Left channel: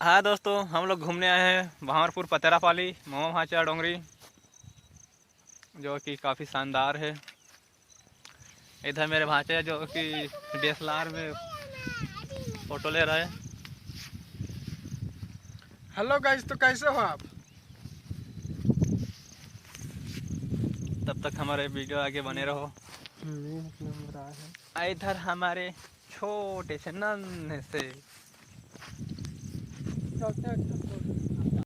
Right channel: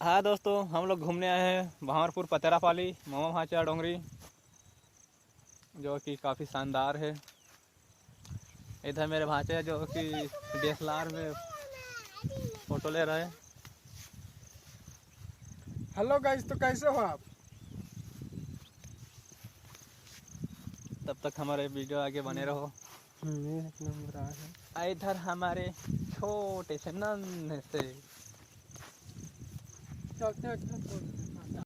हाँ दोस्तों, हम लोग घूमने आए हैं भावरपुर पतेरापाली मामा भाचा डोंगरी, जो कि काफ़ी शानदार है। इधर मेरे भाचे जो कि DSLR में फ़ोटो ले रहे हैं। हेलो गाइस, तो कैसे हो आप? तब तक हमारे वीडियो आगे बने रहो। एक नंबर आ है। इधर हमारे छोटे से नन्हे से चलते हैं।